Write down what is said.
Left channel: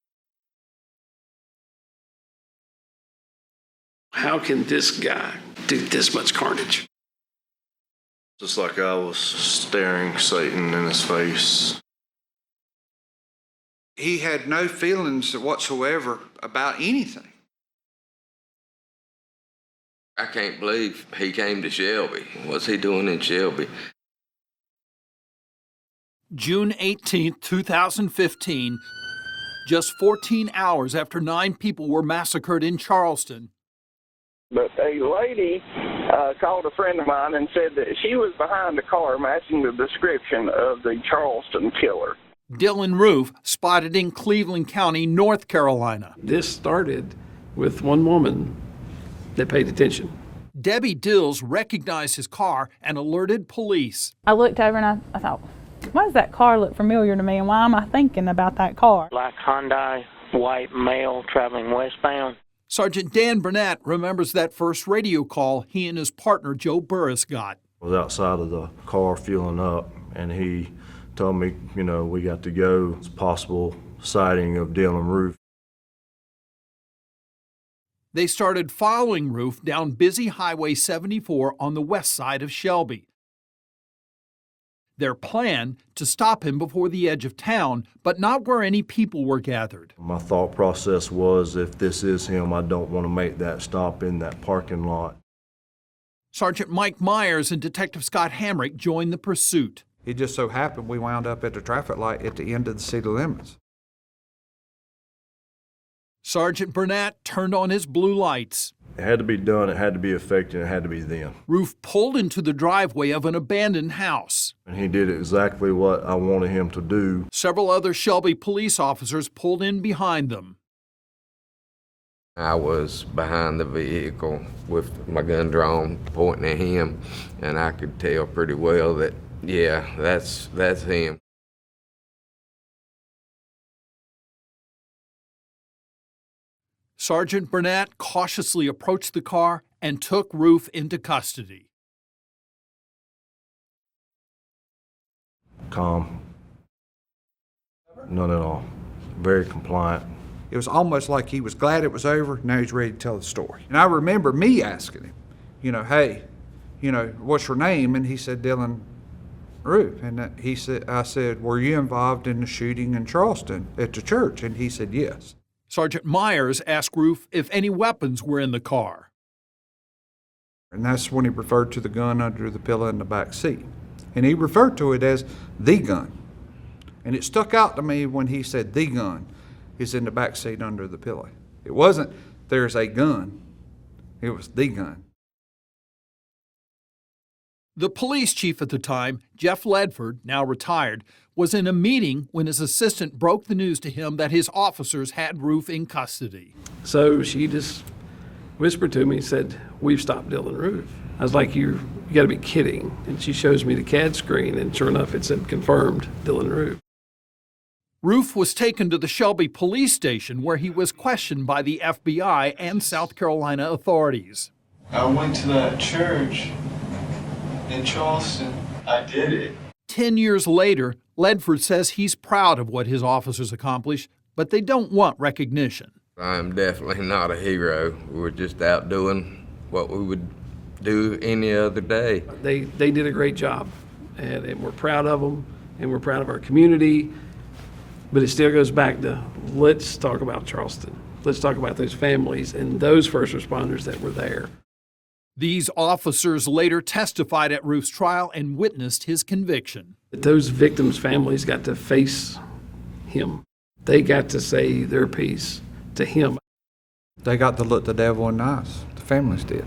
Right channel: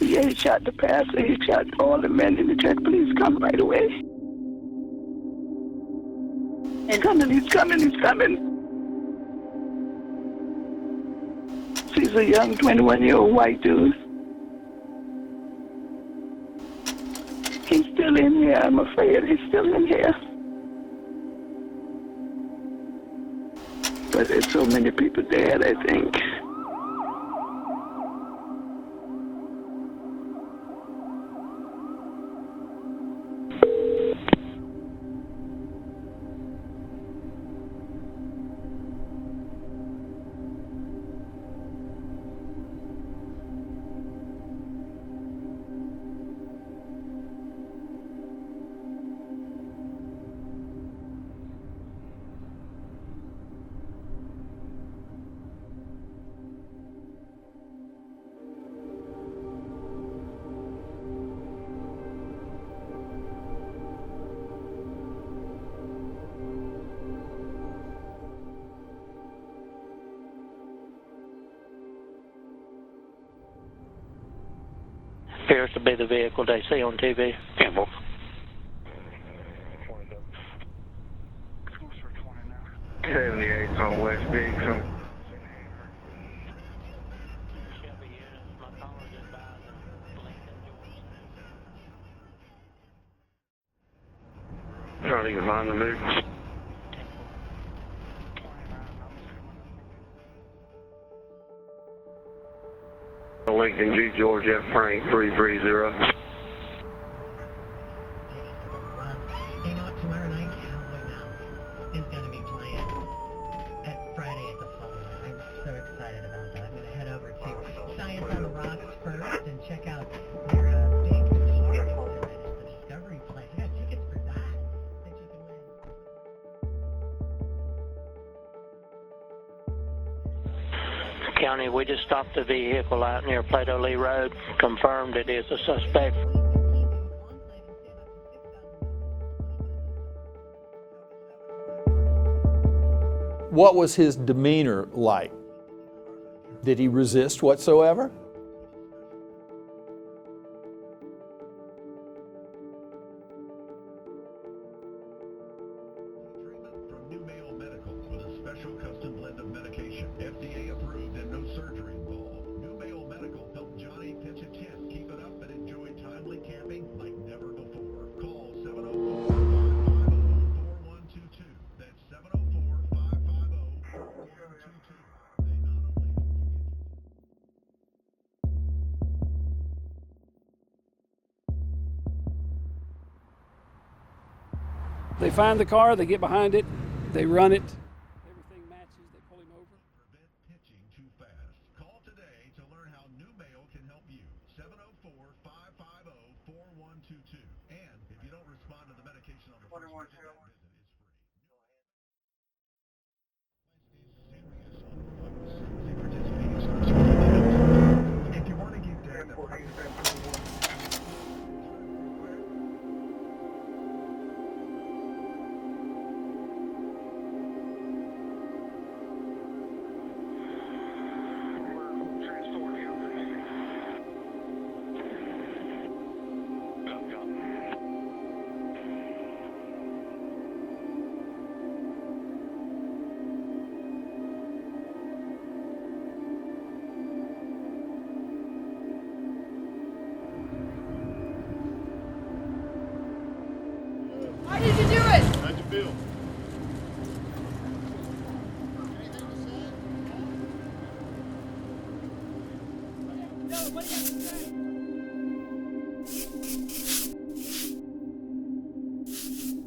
Yeah, he shot the pastor. He shot all the men in the church. Please come right away. How can this guy do this much carnage? He's coming, he's coming, he's coming. It's like I was staring Satan in his face. He's a young 21-year-old white dude. He had no feelings whatsoever about anything. He's still in here, I'm afraid. He's still in here. I can't believe he came to Shelby. What's he doing in Shelby? But there's so many people dead, I think. June 18th, 2015, just 14 hours after 9 people were massacred in Charleston. But a lady called a friend of mine and said that she was behind the car matching the description of the Charleston killer. Dylann Roof spotted in Cleveland County, North Carolina. This started with one woman that paid attention. Debbie Dills recognized his car and alerted police. I looked over and I thought, why does that car look familiar to me, and why am I thinking about that car? Black Hyundai, white male traveling westbound. Sergeant Dan Bernat remembers that first radio call he and his partner Joe Burris got. I was outside of the car fueling up, and he told me, we got to go. It's possible sighting of Dylann Roof. Appears to be the vehicle they see on TV. They started following Roof down busy Highway 74 on the west side of Shelby. 78 on West Big. Their plan, to stop him before the edge of town, but not where any people were gathered. My thought process was, if this is him, I don't want to make that stop in that parking lot. Sergeant Mike Myers and Detective Scott Hamrick joined the pursuit. It just so happened we wound up at the traffic light at the end of the city limits. Lincoln G. George F. Frank 330. Sergeant Bernat turned on his blue lights. It had to be done, it had to be effective, it had to be them. Roof pulled into the driveway of an abandoned house. And he did exactly what I wanted him to do. Several other Shelby police officers pulled in behind them. I was behind the vehicle with my gun drawn, pointing at him, and I could tell pretty well that, yeah, that's him. County, we just stopped the vehicle out near Plato Lee Road, confirmed it is a suspect. Sergeant Bernat cautiously approached the car and took Roof into custody. What was his demeanor like? Calm. Did he resist whatsoever? None at all. Very compliant. It was almost like he was glad it was over. Now he's ready to tell the story. And I remember me asking him, hey, what's your name? And he said, Dylann Roof. And I said, were you involved in the shooting in Charleston at the church? And he said, yes. Sergeant Myers asked Roof if any weapons were in the car. And that's when he referred to the gun under the pillow in the back seat. And he referred to it as the gun. And it stuck out to me when he said the gun is in the back seat under the pillow. It wasn't there's a gun, it was the gun. They find the car, they get behind it, they run it. The police chief at the time, Jeff Ledford, now retired, was in a meeting when his assistant broke the news to him that his officers had Roof in custody. So she just whispered to me and said, we've stopped Dylann Roof. I was like, you gotta be kidding. And she shows me the CAD screen, and sure enough, it said confirmed Dylann Roof. Roof was taken to the Shelby police station where he was questioned by the FBI and South Carolina authorities. I went to that church in Charleston. I did it. 10 years later, Ledford says he's proud of what his officers accomplished, but they don't want recognition. I'm definitely not a hero. We're just out doing what we would do any other day. They did a great job, and we're proud of them, and we're proud of our community, but it still goes back to, let's talk about Charleston. Let's talk about those families and those first responders that were there. Why did you do it? These officers later testified at Roof's trial and witnessed his conviction. Those victims' families got to face him. They got to say their piece to him. They got to look the devil in the eyes. The families did.